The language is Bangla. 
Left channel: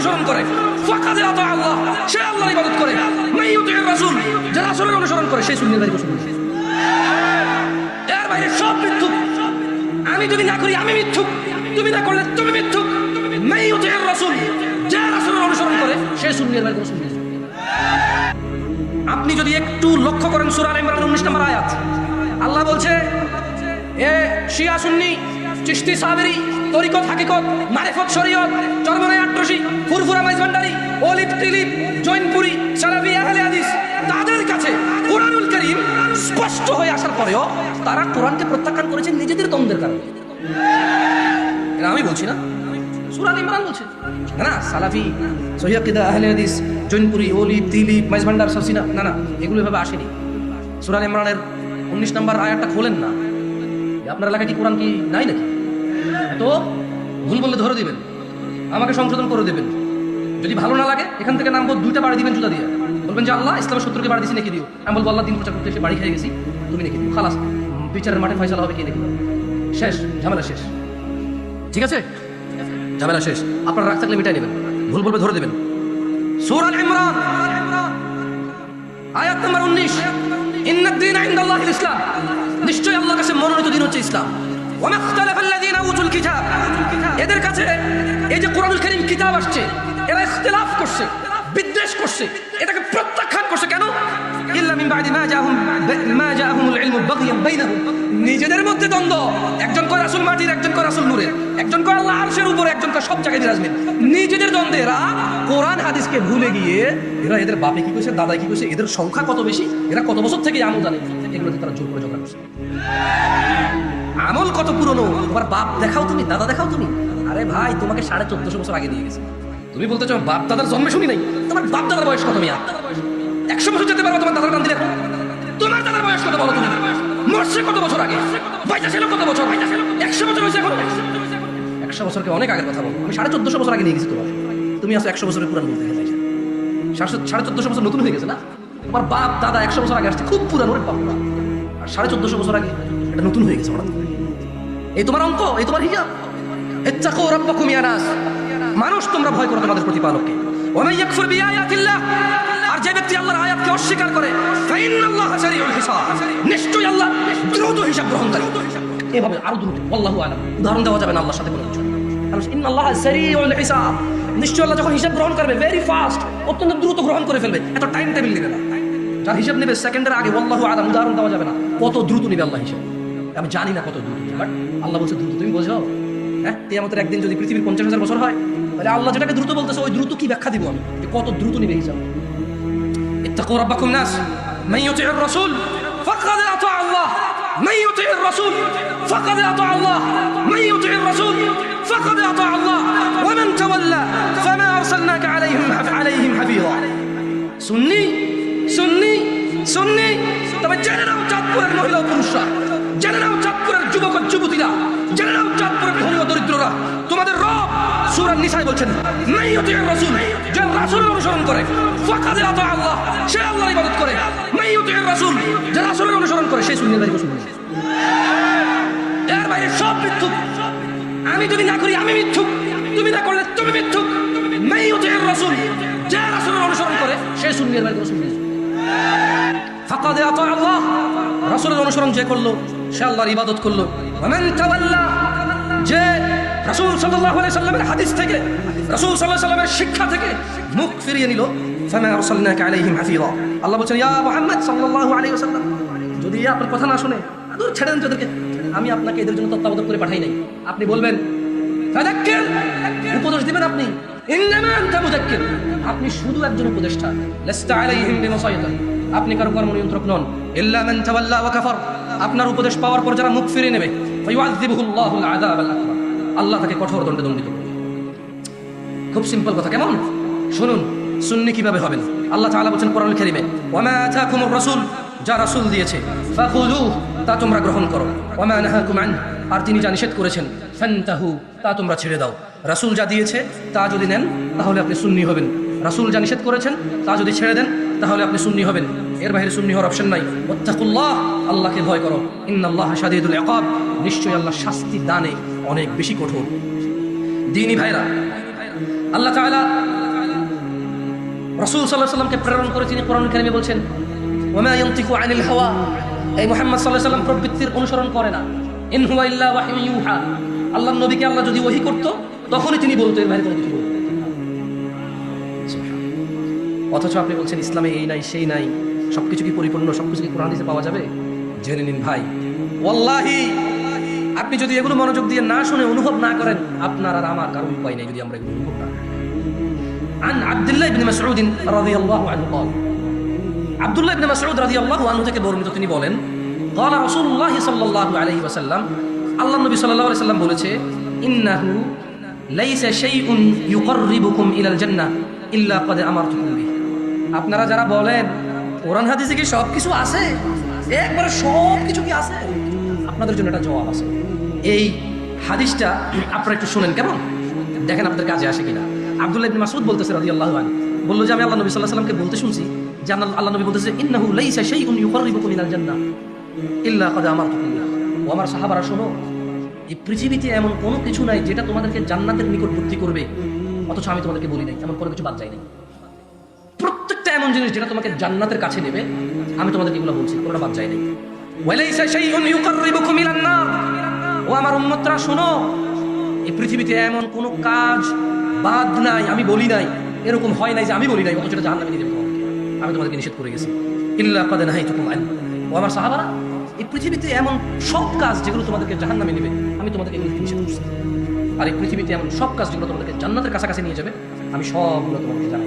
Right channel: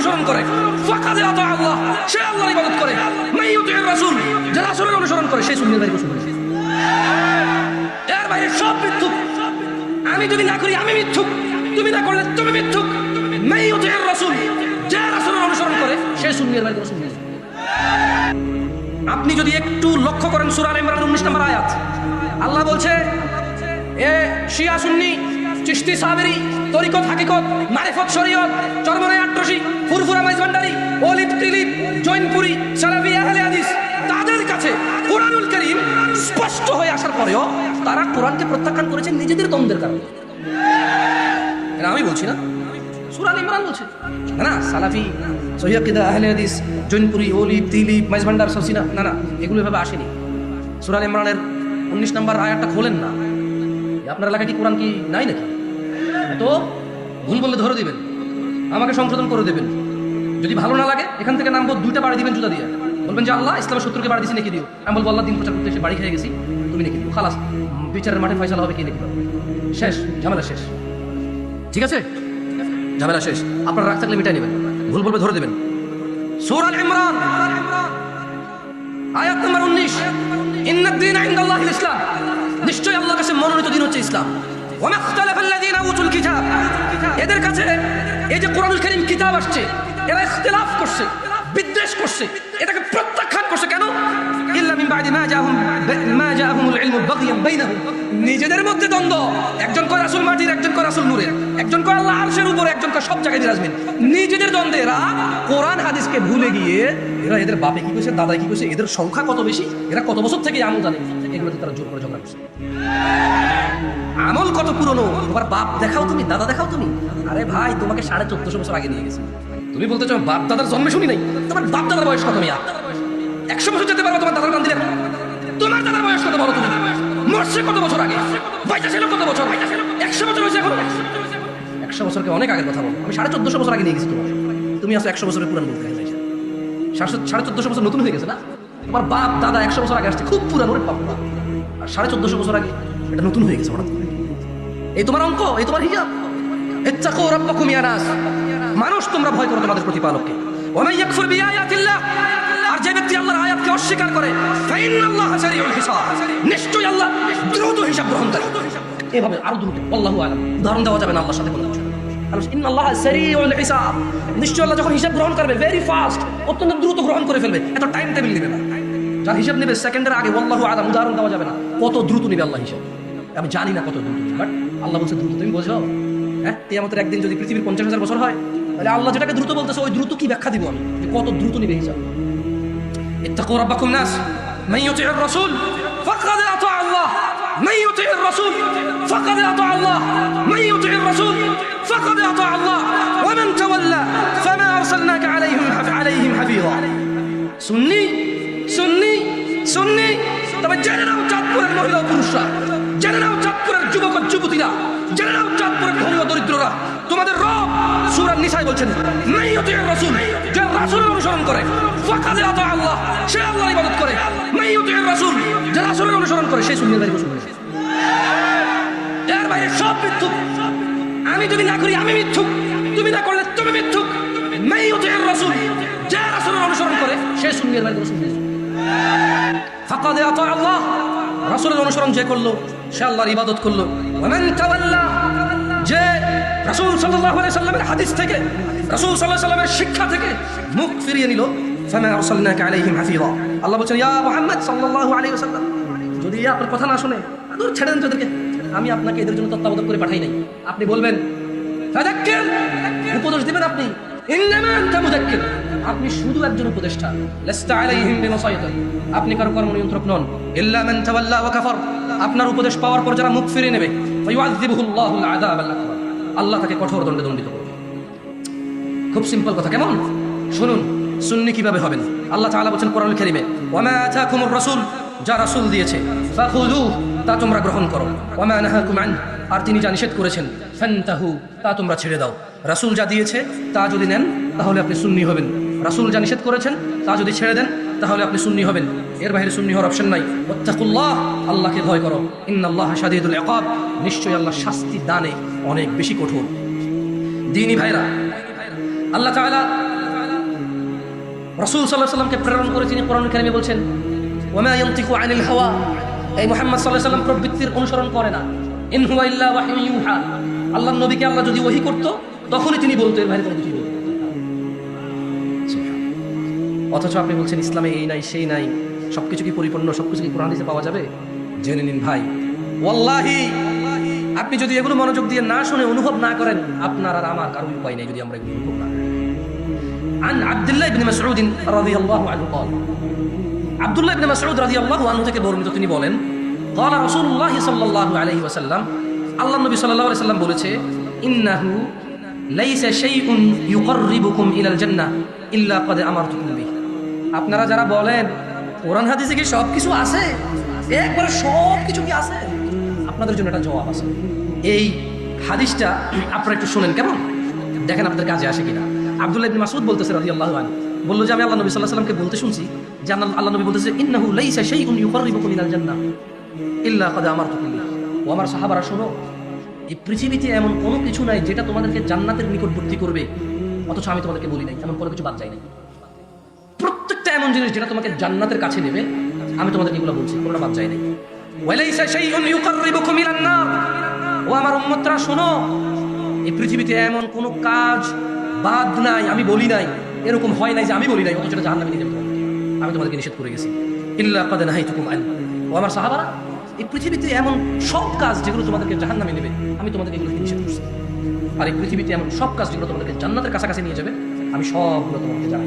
অনুসরণ করে ফাকাদ আতা আল্লাহ, সে আল্লাহর ইবাদত করে। মান ইউতি'র রাসূল, যারা রাসূলের অনুসরণ করে সে সুন্নাতের অনুসরণ করে। যার বাইরে সব মিথ্যুক। আমি যদি না করি আমি মিথ্যুক, তুমি না করলে তুমি মিথ্যুক। মান ইউতি'র রাসূল, যারা রাসূলের অনুসরণ করে সে সুন্নাতের অনুসরণ করে। আপনি যদি একটু লক্ষ্য করেন সূরা আলে ইমরান 19 নম্বর আয়াত, আল্লাহ বলছে শিয়া সুন্নি, চিশতি সাবরি, তরিকত হাকিকত, মারিফত শরীয়ত, চরমনাই আট্রসি, ফুরফুরা মাইজভান্ডারি, ওলিদ তিলিপ, জৈনপুরি, সালাফি আহলে হাদিস, তাদের কাছে কোরআনুল কারীম স্পষ্ট হয়ে আসার পরেও তারা কোরআনকে প্রত্যাখ্যান করেছে নিজেদের দ্বন্দ্বের কারণে। এটা আমি বলছি না, সূরা আলে ইমরান বলছে। হ্যাঁ, সালাফি, সহিহ আকিদা আহলে হাদিস, জৈনপুরি, ওলিদ তিলিপ, মাইজভান্ডার, সারসিনা, না না, এগুলো এভাবে আসেনি। সূরা আলে ইমরানের 19 নম্বর আয়াতটা খোলেন না। আপনার এলাকায় কি কোরআন কি নাই নাকি? তো ভুল বললে ধরে দিবেন, আমাকে সংশোধন করে দেবেন। যদি ভালো না লাগে এখান থেকে নাম দুইটা বাড়ি দিবেন জুতা দিয়ে, বলবেন যে আল্লাহ ইসলামের শত্রুকে বাড়ি দিছি নাকি দিও। আমি বলবো আল্লাহ 3 বছর বেশি বাড়ি খেয়ে গেছি, তুমি নাকি দিও। খালাস, বিচারের মাঠে ফয়সালা হবে কি নাকি, শেষ, ঝামেলা শেষ। ঠিক আছে, ঝামেলা শেষ। আপনার রাগ থাকলে মিটাই নেবেন, ভুল বলবে ধরে দিবেন। সূরা আল ইমরান আয়াত নম্বর 19, ইন্নাদ দীনা ইনদাল্লাহি ইসলাম, নিশ্চয় আল্লাহর কাছে মনোনীত দিন হচ্ছে ইসলাম। ওয়া মাখতালাফাল্লাযীনা উতুল কিতাব, এদের কাছে এই যে কোরআনুল কারীম কিতাব আসছে, এরা ইখতিলাফ করছে, বিদ্বেষ করছে, এটাকে প্রত্যাখ্যান করছে। কেন? ইল্লা মিন বা'দি মা জাআহুমুল ইলমু বাগয়ান বাইনাহুম, নিজেদের মধ্যে দ্বন্দ্ব। একজন কয় রাসূল মাটির, একজন কয় রাসূল নূরের, একজন কয় আল্লাহ আরশের উপর, একজন কয় সব জায়গায় বিরাজমান। নিজেদের দ্বন্দ্বে এরা কোরআন হাদিসকে ভুলে গিয়ে এদের বাপে কি কইছে, দাদাই কি কইছে, এদের সংখ্যা কত বেশি, এরা কত বছর থেকে আমল জানে, এগুলোতে তারা জোর করে জমা করছে। আমল কত পুরনো, তোমার বাপ দেখাও তুমি, দাদা দেখাও তুমি। আরে ভাই, তোমাকে 1450 বছর আগে নিয়ে গেছে, তুমি বলতে চাও বাপ দাদার জন্মে শুনি নাই? তোমার বাপ দাদার বয়স কত? 100 বছর যেতে পারবে তোমার দাদার বান্ধব, তোমার দাদার বয়স কত বলো? তুমি মরছে কত বছর আগে, পয়সা ছিল কত বছর, 100 বছর হয়েছে এখন। 100 বছর কি অনেক আগের কথা বলো? 1450 বছর আগে নিয়ে গেছি তোমাকে, তুমি আছো 100 বছরের পুরান বলতে গেছে। 1450 বছর নতুন হয়ে গেছে না? তোমার বাপ দাদা 100 বছর আগে আসছে, খুব পুরো একটা কথা। আর 1450 বছর আগে এটা নতুন হয়ে গেছে। এই তোমার অঙ্ক, এই তোমার হিসাব। ইত্তাকু রাব্বাকুম ইয়া নাস, মানুষ তোমরা ভয় করো তোমাদের প্রতিপালককে। ওয়া মান ইয়াকফুর বিআয়াতিল্লাহ, আর যে ব্যক্তি আল্লাহর আয়াতকে অস্বীকার করে, ফাইন্নাল্লাহা সারিউল হিসাব, নিশ্চয়ই আল্লাহ দ্রুত হিসাব গ্রহণকারী। এভাবে আরো দ্রুত, আল্লাহু আ'লাম, উদাহরণ দেওয়া যাবে না আল্লাহর সাথে কোনো কিছু। ইন্নাল্লাহা সারিউল হিসাব, নিশ্চয়ই আল্লাহ যখন হিসাব গ্রহণ করবে ভেরি ফাস্ট, অত্যন্ত দ্রুত গ্রহণ করে ফেলবে, এত টাইম টেবিল নেবে না। তার হিসাব নেবে সেকেন্ডের আগে, আল্লাহু আ'লাম, উদাহরণ দেওয়া যাবে না কত দ্রুত নেবে আল্লাহ হিসাব। আমি জানি না কত দ্রুত, বাট আল্লাহ বলছে দ্রুত। তুমি বুঝো? হ্যাঁ, কিয়ামতের একদিন যদি পৃথিবীর 50,000 বছর হয়, তাহলে আল্লাহ যেটাকে দ্রুত বলতেছে ওই দ্রুত কি ব্যাখ্যা দিব আমি, কত দ্রুত নেবে হিসাব। ইত্তাকু রাব্বাকুম নাস, মান ইউতি'র রাসূল ফাকাদ আতা আল্লাহ, মান ইউতি'র রাসূল ফাকাদ আতা আল্লাহ, মান ইউতি'র রাসূল ফাকাদ আতা আল্লাহ, ওয়া মান তাওয়াল্লা ফামা আরসালনাকা আলাইহিম হাফিযা। সুন্নি সুন্নি সুন্নি, তবে জেনে নাও চাঁদপুরের মহিলা পুরুষরা, জেনে নাও চাঁদপুরের যুবক যুবতীরা, জেনে নাও চাঁদপুরের গরিব দরিদ্ররা, তোমাদের রব সূরা নিসায় বলছেন মান ইউতি'র রাসূল, যে রাসূলের অনুসরণ করে, ফাকাদ আতা আল্লাহ, সে আল্লাহর ইবাদত করে। মান ইউতি'র রাসূল, যে রাসূলের অনুসরণ করে সে সুন্নাতের অনুসরণ করে। যার বাইরে সব মিথ্যুক। আমি যদি না করি আমি মিথ্যুক, তুমি না করলে তুমি মিথ্যুক। মান ইউতি'র রাসূল, যে রাসূলের অনুসরণ করে সে সুন্নাতের অনুসরণ করে। ফাকাদ আতা আল্লাহ, রাসূলের অনুসরণ যে করলো সে আল্লাহর ইবাদত করলো। ওয়া মান তাওয়াল্লা, যে রাসূল সাল্লাল্লাহু আলাইহি ওয়াসাল্লামের হাদিস থেকে, রাসূল সাল্লাল্লাহু আলাইহি ওয়াসাল্লামের শিক্ষা থেকে মুখ ফিরিয়ে নিল, ফামা আরসালনাকা আলাইহিম হাফিযা। আল্লাহ বলেন ইয়া মুহাম্মদ সাল্লাল্লাহু আলাইহি ওয়াসাল্লাম, যদি আপনার কথা না শুনে দূর ছেড়ে দেন তাদেরকে, আমি আপনাকে এদের জন্য তত্ত্বাবধান করে পাঠাই নাই। আপনি বলবেন ফাযাক্কির, উপদেশ দিবেন আপনি, ইন্নামা আনতা মুযাক্কির, আপনি শুধু একজন উপদেষ্টা, লাস্তা আলাইহিম বিমুসাইতির, আপনি কারো কর্ম নিয়ন্ত্রক নন। ইল্লা মান তাওয়াল্লা ওয়া কাফার, আপনার উপদেশ পাওয়ার পর যারা মুখ ফিরিয়ে নেবে, ফায়ুআযিবুহুল্লাহু আযাবাল আকবার, আল্লাহ তাকে কঠোর দণ্ডে দণ্ডিত করবে। খুব সিম্পল কথা, কেমন? শুনুন সুন্নি কিভাবে হবেন। আল্লাহ তাআলা বলেন কোরআনুল কারীমে, ওয়া মা আতাকুমুর রাসূল, যা রাসূল দিয়েছে, ফাখুযুহু, তা তোমরা গ্রহণ করো, ওয়া মা নাহাকুম আন, আর তিনি যা নিষেধ করেছেন, ফান্তাহু, তা তোমরা ছেড়ে দাও। রাসূল যা দিয়েছে তা যদি নেন তাহলে আপনি সুন্নি হবেন, রাসূল যা নিষেধ করেছেন তা যদি ছেড়ে দেন তাহলে আপনি সুন্নি হবেন। এর বাইরে সুন্নি হওয়ার অপশন নাই। ওয়াত্তাকুল্লাহ, আল্লাহকে ভয় করো, ইন্নাল্লাহা শাদীদুল ইকাব, নিশ্চয়ই আল্লাহ শাস্তি দানে অনেক বেশি কঠোর। দ্বীনি ভাইরা, আল্লাহ তাআলা রাসূল সাল্লাল্লাহু আলাইহি ওয়াসাল্লামকে প্রেরণ করে তিনি কোরআন কারিমে বলছেন ওয়া ইয়ানতিকু আনিল হাওয়া, এই মুহাম্মদ সাল্লাল্লাহু আলাইহি ওয়াসাল্লাম প্রবৃত্তির অনুসরণ করে না। ইন হুয়া ইল্লা ওয়াহয়ুন ইউহা, আল্লাহর নবীকে আল্লাহ যদি ওহী করত তখনই তিনি বলতেন বাইরে করতে। অথচ আপনি বলছেন ইসলামে এই নাই সেই নাই, সবকিছু কি পরিপূর্ণ, সবকিছু কি কোরআনে পাওয়া যাবে? জেনে নিন ভাই, ওয়াল্লাহি আপনি যদি এগুলো মনোযোগ দিয়ে না শুনে অনুভব না করেন, আপনার আর আমার কারণ উপায় নেই। যদি আমরা عن عبد الله بن مسعود رضي الله عنه قال عبد الله بن مسعود رضي الله عنه থেকে বর্ণিত তিনি বলেন قال رسول الله صلى الله عليه وسلم, আল্লাহ নবী সাল্লাল্লাহু আলাইহি ওয়াসাল্লাম বলেছে ইন্নাহু লাইসা শাইউন ইউকাররিবুকুম ইলাল জান্নাহ ইল্লা ক্বাদ আমারতুম বিহি। আপনারা যারা বলেন কোরআন হাদিসে কি সব কিছু আছে, সব কিছু কি আছে, আপনাদের জন্য একটা জবাব আছে। এই হাদিসটা আপনারা একটু শুনেন কেমন, দেখেন আপনাদের কাজে আসে কিনা। আব্দুল্লাহ ইবনে মাসউদ বলতেছেন রাদিয়াল্লাহু আনহু, বলল যে আমি আল্লাহ নবী সাল্লাল্লাহু আলাইহি ওয়াসাল্লামকে বলতে শুনছি যে আল্লাহ নবী বলতেছে ইন্নাহু লাইসা শাইউন ইউকাররিবুকুম ইলাল জান্নাহ ইল্লা ক্বাদ আমারতুকুম। ও আমার সাহাবারা শুনো, এই পৃথিবীতে এমন কোনো কিছু নাই যেটা তোমাদেরকে জান্নাতের নিকটবর্তী করবে, অথচ আমি তোমাদেরকে বলি নাই, আমার কোনো কিছু বাদ যায়নি। প্রত্যেকটা এমন জিনিস যেটা তোমাকে জান্নাতের কাছে নেবে, আমি তোমাদেরকে এগুলো বলছি, কোনো বাদ যায় নাই। ওয়ালাইসা শাইউন ইউকাররিবুকুম ইলান নার, ও আমার উম্মতরা শোনো, এই পৃথিবীতে এমন কোনো কাজ বাদ নাই, আমি বলি নাই, এরকম হয় নাই যে আমি বলি নাই অথচ এটা জাহান্নামে নিয়ে যাবে, আমি তোমাদেরকে নিষেধ করে গেছি। ইল্লা ক্বাদ নাহাইতুকুম আন, ও আমার সাহাবারা, এই পৃথিবীতে এমন সব কাজ যেগুলো তোমাদেরকে জাহান্নামে নেবে, আমি তোমাদেরকে এগুলো নিষেধ করছি। আর এই পৃথিবীতে এমন সব কাজ যেগুলো তোমাদেরকে জান্নাতের কাছাকাছি নিয়ে যাবে, আমি সবগুলো তোমাদেরকে জানি।